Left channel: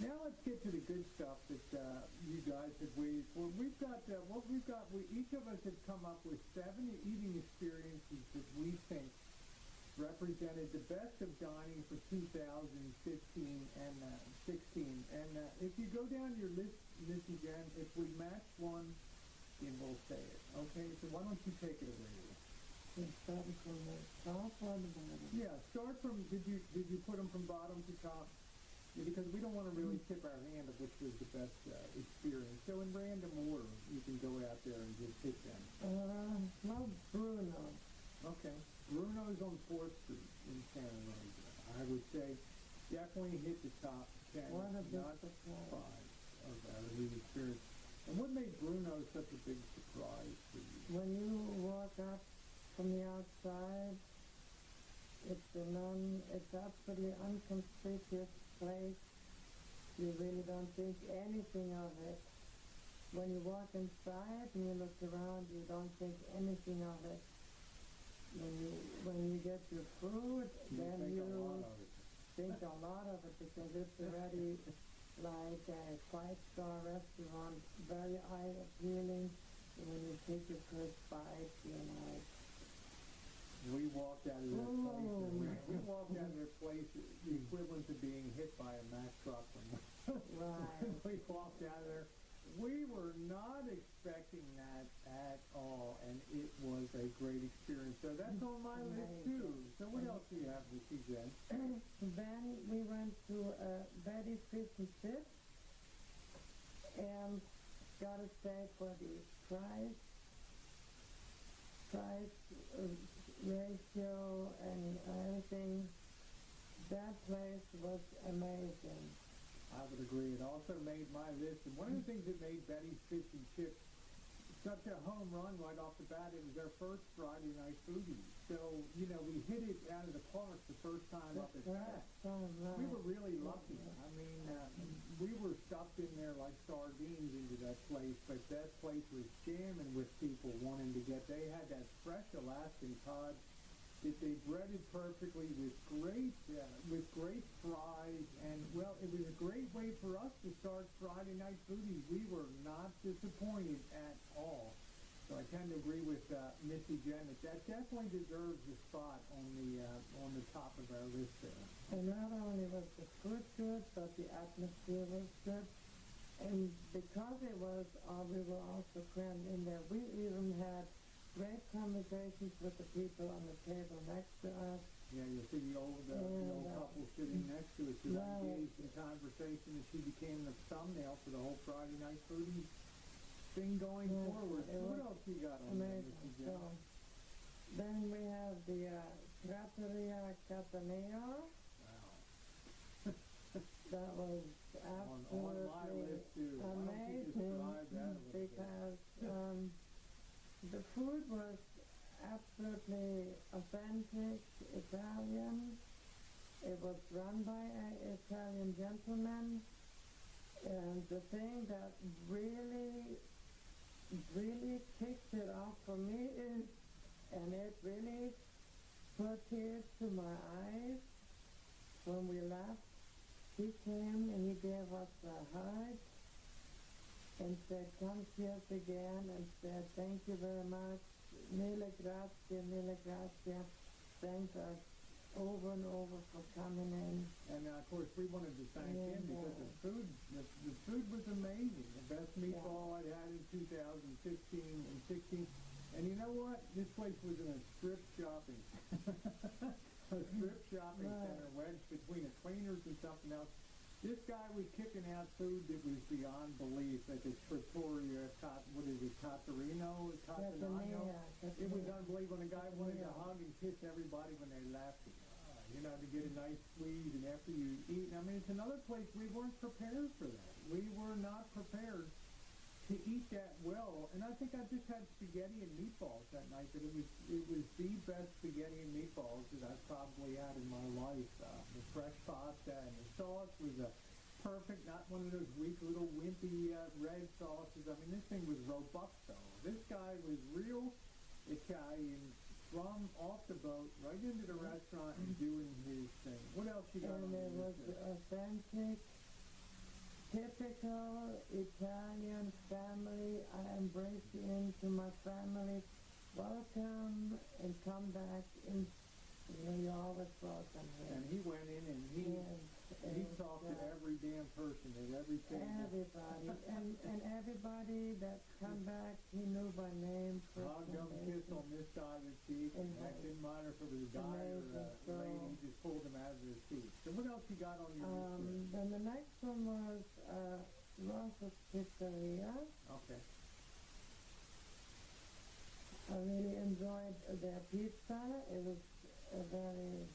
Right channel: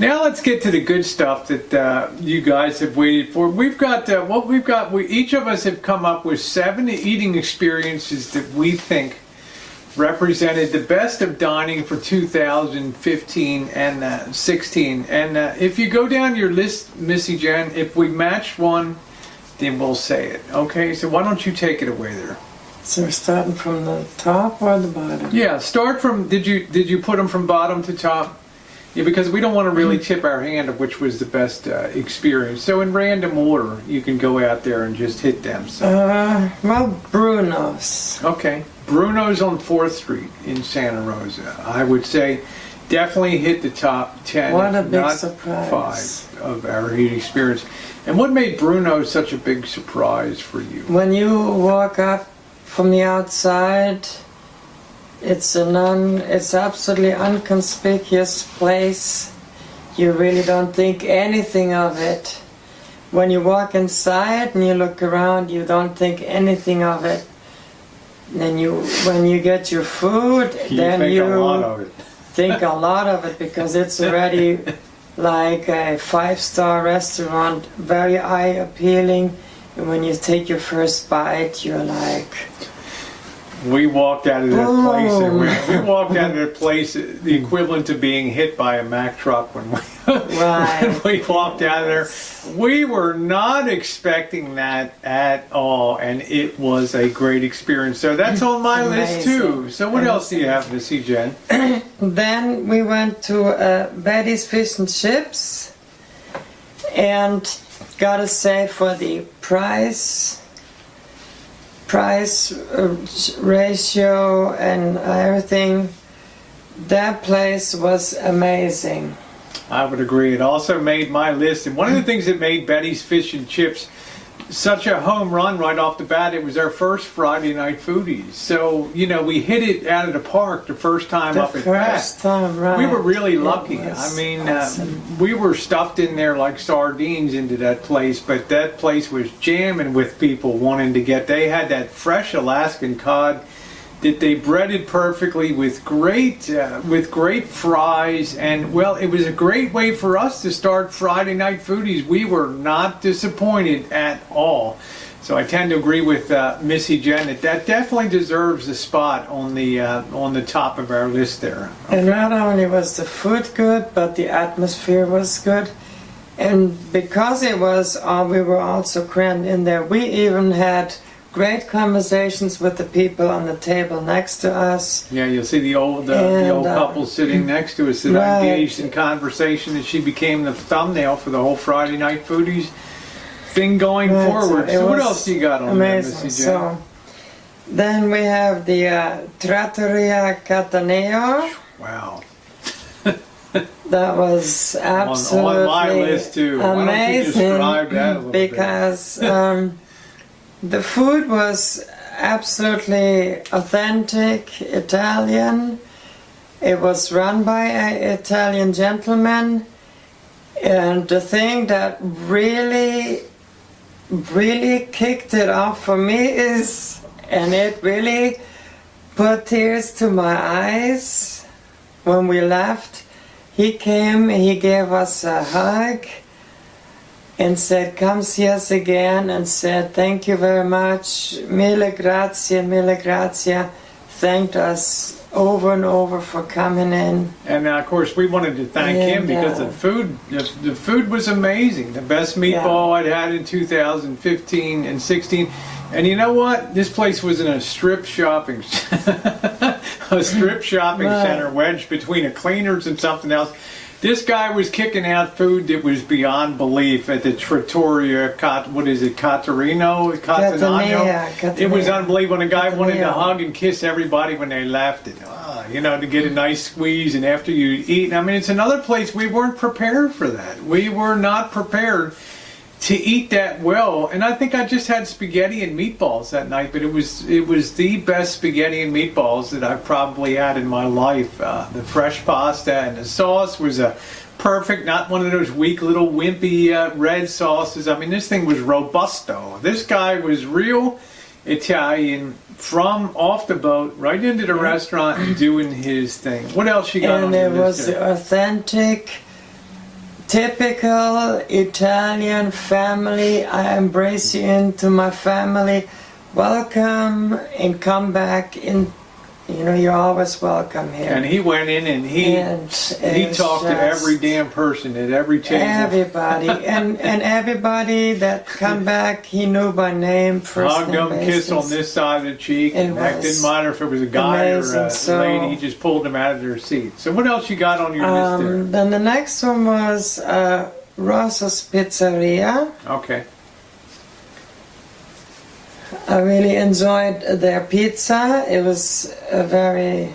Now let's get to the good stuff that you guys have waited for. We've got each of us have come up with 7 eating experiences that we think represented the best of dining for 2015 and 16. And if you go down your list, Missy Jen, if we match one, then we'll say it. Okay, so why don't you take it away there? So we're starting from the top or the bottom? Yeah, start from, did you put them from bottom to top? Yeah, because we don't want to really tip our hand of which was the best experience. So in random order, you can go out there and just hit them. So. Well, Bruno's. Okay. Bruno's on 4th Street in Santa Rosa. I would say definitely hit the top 10, what a big not surprise. 5 of our eating experience. And what made Bruno such a big surprise for you? When you walk up from the outside, it's absolutely inconspicuous place. You really don't think anything of it. When you walk inside and you look around, you don't think anything of it. Then when you get your food, then think a lot of it. Think a lot of it because it's already like a 5-star restaurant, very eye appealing. And when you take your first bite, you're like, we walked out of that place, and we walked out of that place, the equivalent to being hit by a Mack truck when we walked out of there. We were not expecting that at all, and it was a great experience. So that's on my list too. So what else do you have, Missy Jen? Then we went to Betty's Fish and Chips, and gotta say for the price ratio and everything, that place was amazing. I would agree. It also made my list, and one of the things that made Betty's Fish and Chips such a home run right off the bat, it was our first Friday night Foodies. So, you know, we hit it out of the park the first time up at Pat. First time, right. We were really lucky. I mean, awesome. We were stuffed in there like sardines into that place, but that place was jamming with people wanting to get. They had that fresh Alaskan cod that they breaded perfectly with great fries, and well, it was a great way for us to start Friday night Foodies. We were not disappointed at all. So I tend to agree with Missy Jen that definitely deserves a spot on the top of our list there. Okay. And not only was the food good, but the atmosphere was good. And because it was, we were also crammed in there. We even had great conversations with the people on the table next to us. Yeah, you'll see the old couple sitting next to us that right. engaged in conversation, and she became the thumbnail for the whole Friday night Foodies thing going forward. So what else do you got on there, Missy Jen? So then we have the Trattoria Cattaneo. Wow. That was absolutely on my list too. amazing. Why don't you describe that a little because the food was absolutely authentic Italian. It was run by an Italian gentleman, and the thing that really kicked it off for me is, and it really put tears to my eyes when we left, he came, he gave us a hug and said, come see us again, and said, thank you very much, mille grazie, thanked us over and over for coming in. And of course we wanted to thank him because the food was amazing. The best meatball I'd had in 2015 and 16. And you know what? This place was in a strip shopping center wedged between a cleaners and something else. This guy was kicking out food that was beyond belief at the Trattoria, Cattaneo? It was unbelievable. And the guy wanted to hug and kiss everybody when they left. And, you know, to get a nice squeeze and after you eat. I mean, it's another place we weren't prepared for that. We were not prepared to eat that well. And I think I just had spaghetti and meatballs that night, but it was the best spaghetti and meatballs that I've probably had in my life. The fresh pasta and the sauce was a perfect, not one of those weak little wimpy red sauces. I mean, this thing was robusto. This guy was real Italian from off the boat right into the restaurant and doing his thing. What else you got on your list? And it was authentic typical Italian family. I embrace you into my family. Welcome and come back in. You know, you're always welcome here. And he went in and he talked to every damn person at every table. Everybody. and everybody that come back, he knew by name, first Hugged name them, basis. kissed on this side of the cheek. It And that didn't matter if it was a guy amazing. or a So- lady. He just pulled them out of their seat. So what else you got on your list there? Then the next one was Rosa's Pizzeria. Okay. I really enjoyed their pizza. It was a very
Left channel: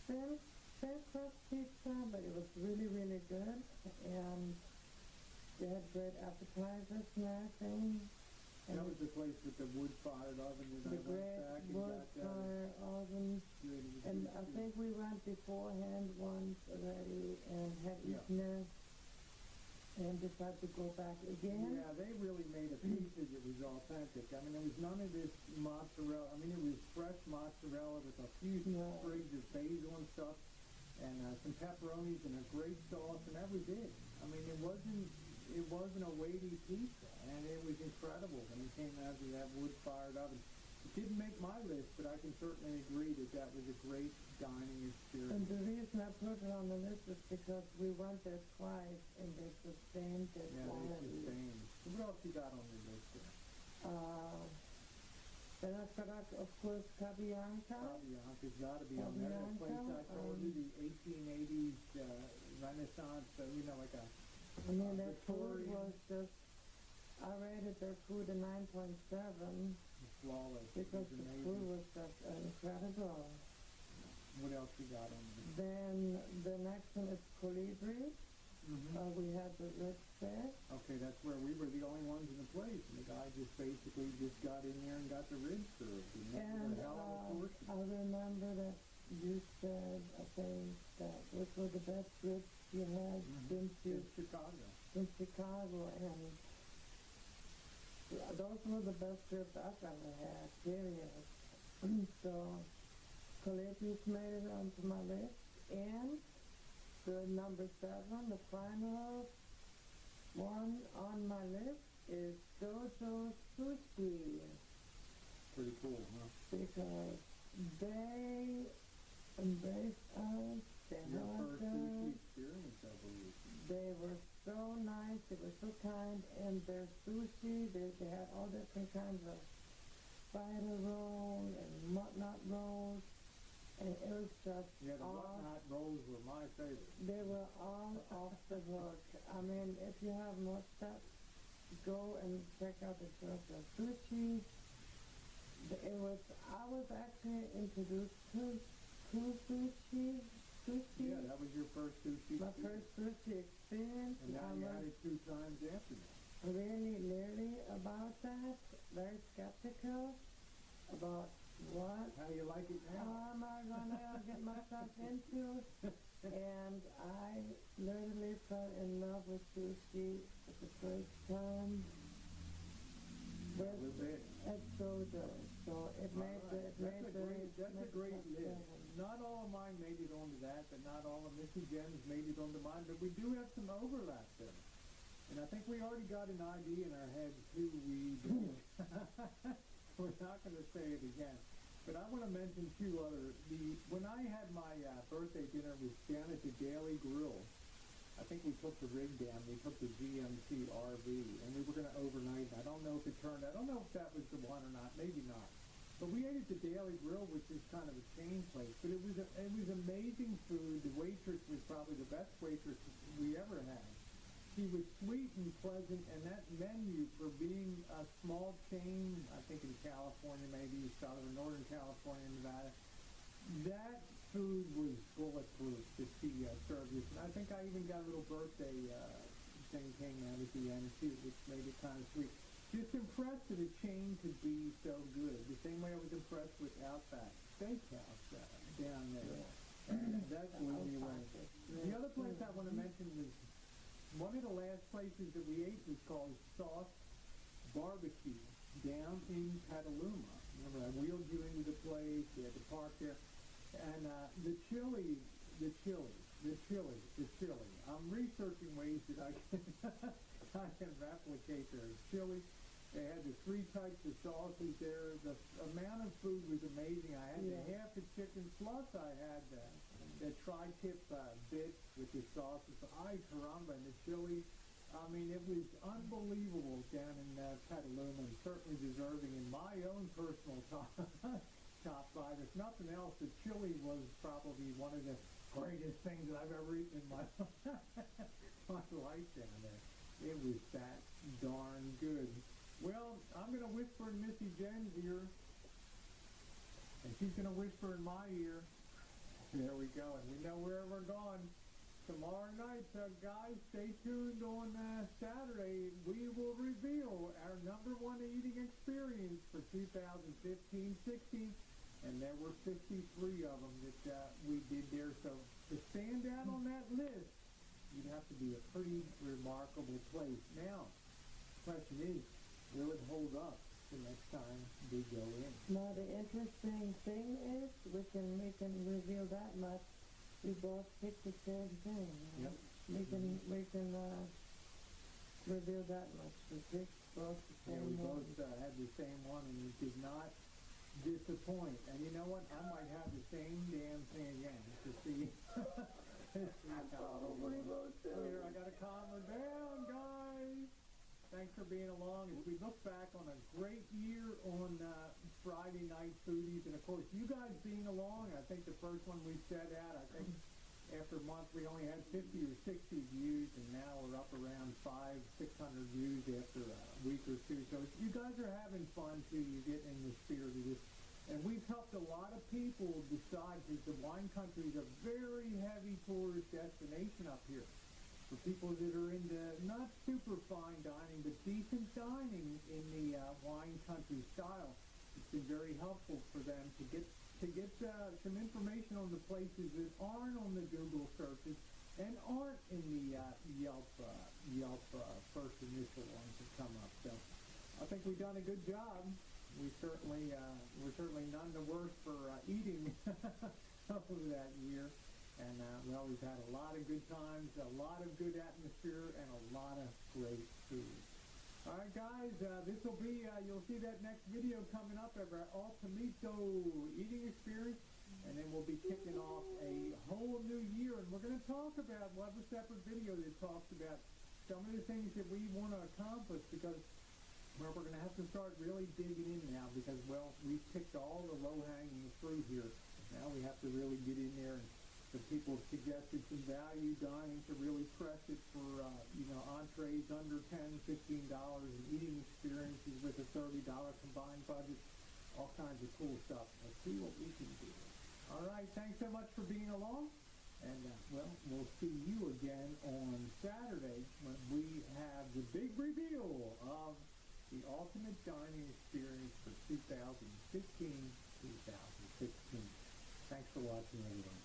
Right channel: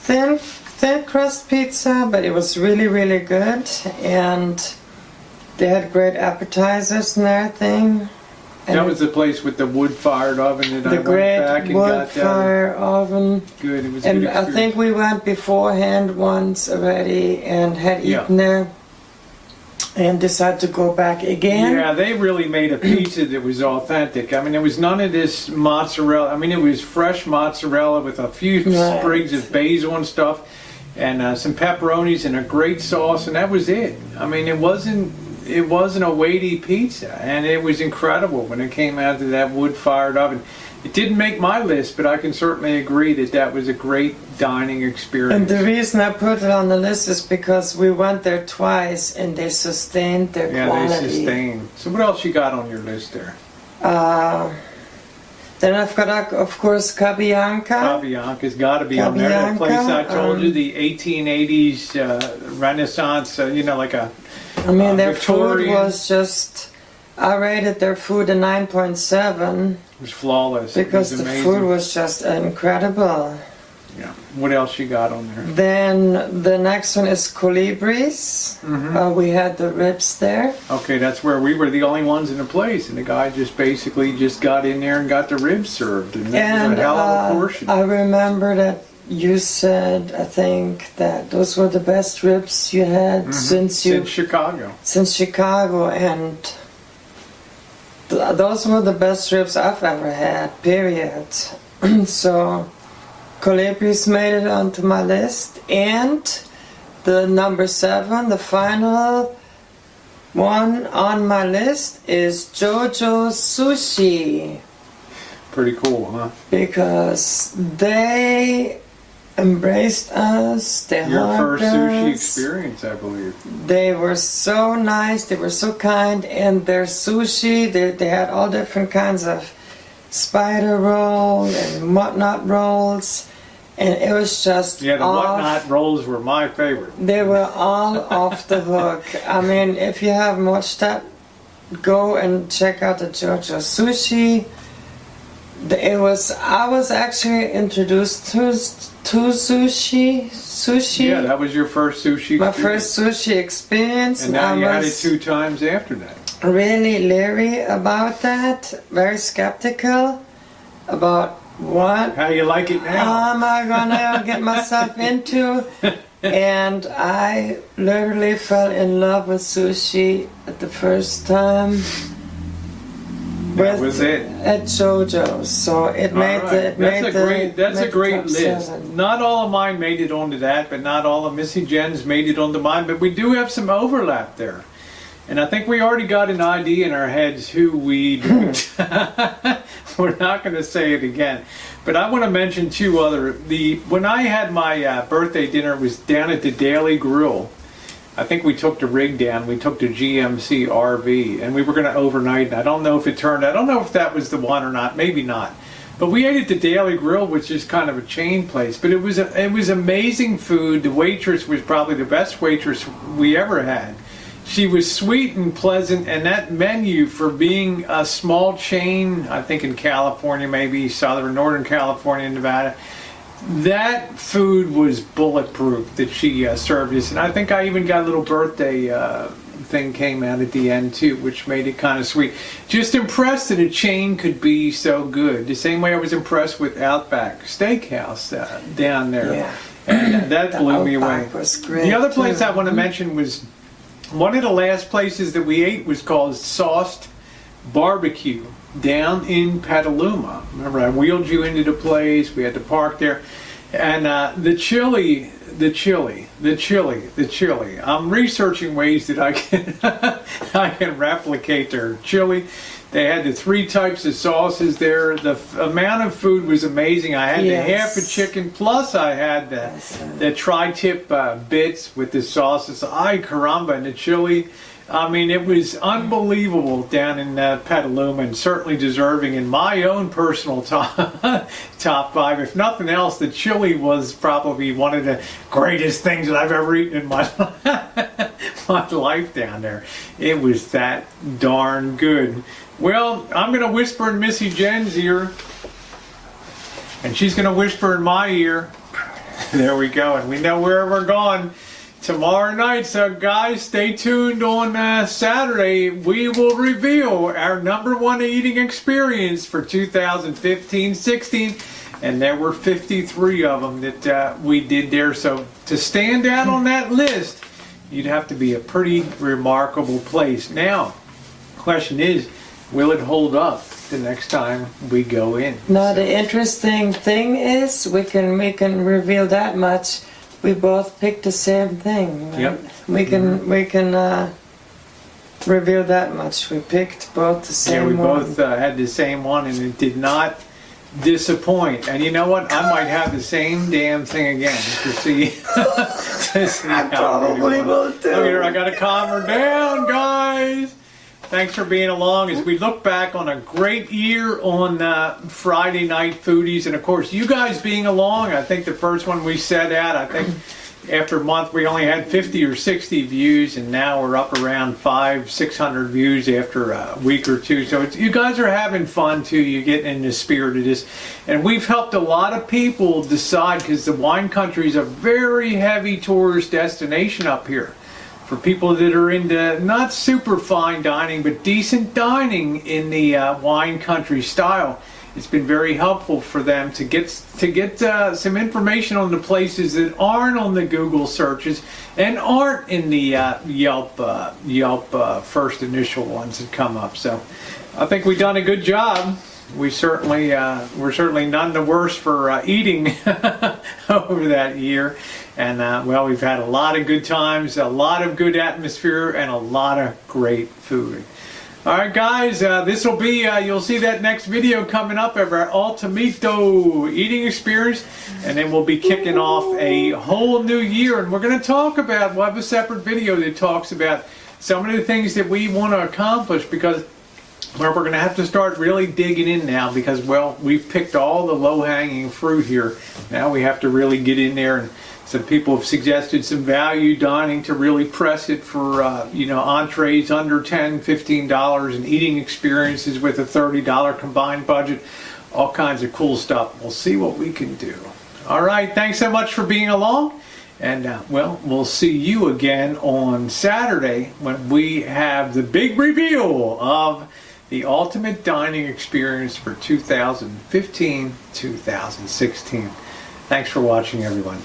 thin crust pizza, but it was really, really good. And they had great appetizers and everything. And That was the place with the wood-fired oven that I the went great back and wood got fire oven. Good. It was a And good I experience. think we went beforehand once already and had Yeah. eaten there and decided to go back again. Yeah, they really made a pizza that was authentic. I mean, there was none of this mozzarella. I mean, it was fresh mozzarella with a few Right. sprigs of basil and stuff, and some pepperonis and a great sauce, and that was it. I mean, it wasn't a weighty pizza, and it was incredible when it came out of that wood-fired oven. It didn't make my list, but I can certainly agree that that was a great dining And experience. the reason I put it on the list is because we went there twice and they sustained their Yeah, quality. they sustained. So what else you got on your list there? Then I've got, of course, Cabianca. Cabianca's got to be on there. That place I told you, the 1880s Renaissance, like a I mean, their food Victorian. was just, I rated their food a 9.7 It was flawless. because it was the amazing. food was just incredible. Yeah. What else you got on there? Then the next one is Colibris. Mm-hmm. We had the ribs there. Okay, that's where we were the only ones in the place, and the guy just basically just got in there and got the ribs served, and that was a hell of a portion. I remember that you said, I think, that those were the best ribs you had since Chicago. since Chicago, and those were the best ribs I've ever had, period. So Colibris made it onto my list, and the number 7, the final one on my list is JoJo Sushi, Pretty cool, huh? because they embraced us, they Your hugged first sushi us. experience, I believe. They were so nice, they were so kind, and their sushi, they had all different kinds of spider roll and whatnot rolls, and it was just Yeah, the off. whatnot rolls were my favorite. They were all off the hook. I mean, if you haven't watched that, go and check out the JoJo Sushi. I was actually introduced to sushi. Yeah, that was your first sushi My experience. first sushi experience, And now I you had it was 2 times after that. really leery about that, very skeptical about what How you like it now? am I gonna get myself into. And I literally fell in love with sushi at the first time. That was it. At JoJo's, so it made All the right. That's a made the great top list. 7. Not all of mine made it onto that, but not all of Missy Jen's made it onto mine. But we do have some overlap there, and I think we already got an idea in our heads who we. We're not going to say it again, but I want to mention 2 other. When I had my birthday dinner, it was down at the Daily Grill. I think we took the rig down. We took the GMC RV, and we were going to overnight. And I don't know if it turned. I don't know if that was the one or not. Maybe not. But we ate at the Daily Grill, which is kind of a chain place. But it was amazing food. The waitress was probably the best waitress we ever had. She was sweet and pleasant, and that menu, for being a small chain, I think in California, maybe Northern California, Nevada, that food was bulletproof that she served us. And I think I even got a little birthday thing came out at the end too, which made it kind of sweet. Just impressed that a chain could be so good. The same way I was impressed with Outback Steakhouse down there. Yeah. And that The blew me away. Outback was great, The other place too. I want to mention was one of the last places that we ate was called Sauced Barbecue down in Petaluma. Remember, I wheeled you into the place. We had to park there. And the chili. I'm researching ways that I can replicate their chili. They had the 3 types of sauces there. The amount of food was amazing. I had the half a chicken, plus I had the tri-tip bits with the sauces. Ay caramba, and the chili. I mean, it was unbelievable down in Petaluma, and certainly deserving in my own personal top 5. If nothing else, the chili was probably one of the greatest things that I've ever eaten in my life down there. It was that darn good. Well, I'm going to whisper in Missy Jen's ear, and she's going to whisper in my ear. There we go, and we know where we're going tomorrow night. So guys, stay tuned on Saturday. We will reveal our #1 eating experience for 2015-16, and there were 53 of them that we did there. So to stand out on that list, you'd have to be a pretty remarkable place. Now, question is, will it hold up the next time we go in? Now the interesting thing is, we can reveal that much. We both picked the same thing. Right? Yep. We can reveal that much. We picked both the same one. Yeah, we both had the same one, and it did not disappoint. And you know what? I might have the same damn thing again to see. I probably will too. Look at her, I gotta calm her down, guys. Thanks for being along as we look back on a great year on Friday Night Foodies. And of course, you guys being along. I think the first one we set out, I think after a month we only had 50 or 60 views, and now we're up around 500-600 views after a week or two. So you guys are having fun too. You're getting in the spirit of this. And we've helped a lot of people decide, because the wine country is a very heavy tourist destination up here. For people that are into not super fine dining, but decent dining in the wine country style, it's been very helpful for them to get some information on the places that aren't on the Google searches and aren't in the Yelp first initial ones that come up. So I think we've done a good job. We're certainly none the worse for eating over that year. And well, we've had a lot of good times, a lot of good atmosphere, and a lot of great food. All right, guys, this will be, you'll see that next video coming up of our Ultimito eating experience. And then we'll be kicking off a whole new year. And we're going to talk about, we'll have a separate video that talks about some of the things that we want to accomplish, because we're going to have to start really digging in now, because, well, we've picked all the low-hanging fruit here. Now we have to really get in there, and some people have suggested some value dining to really press it for, entrees under $10, $15, and eating experiences with a $30 combined budget. All kinds of cool stuff. We'll see what we can do. All right, thanks so much for being along. And, well, we'll see you again on Saturday when we have the big reveal of the ultimate dining experience for 2015-2016. Thanks for watching, everyone.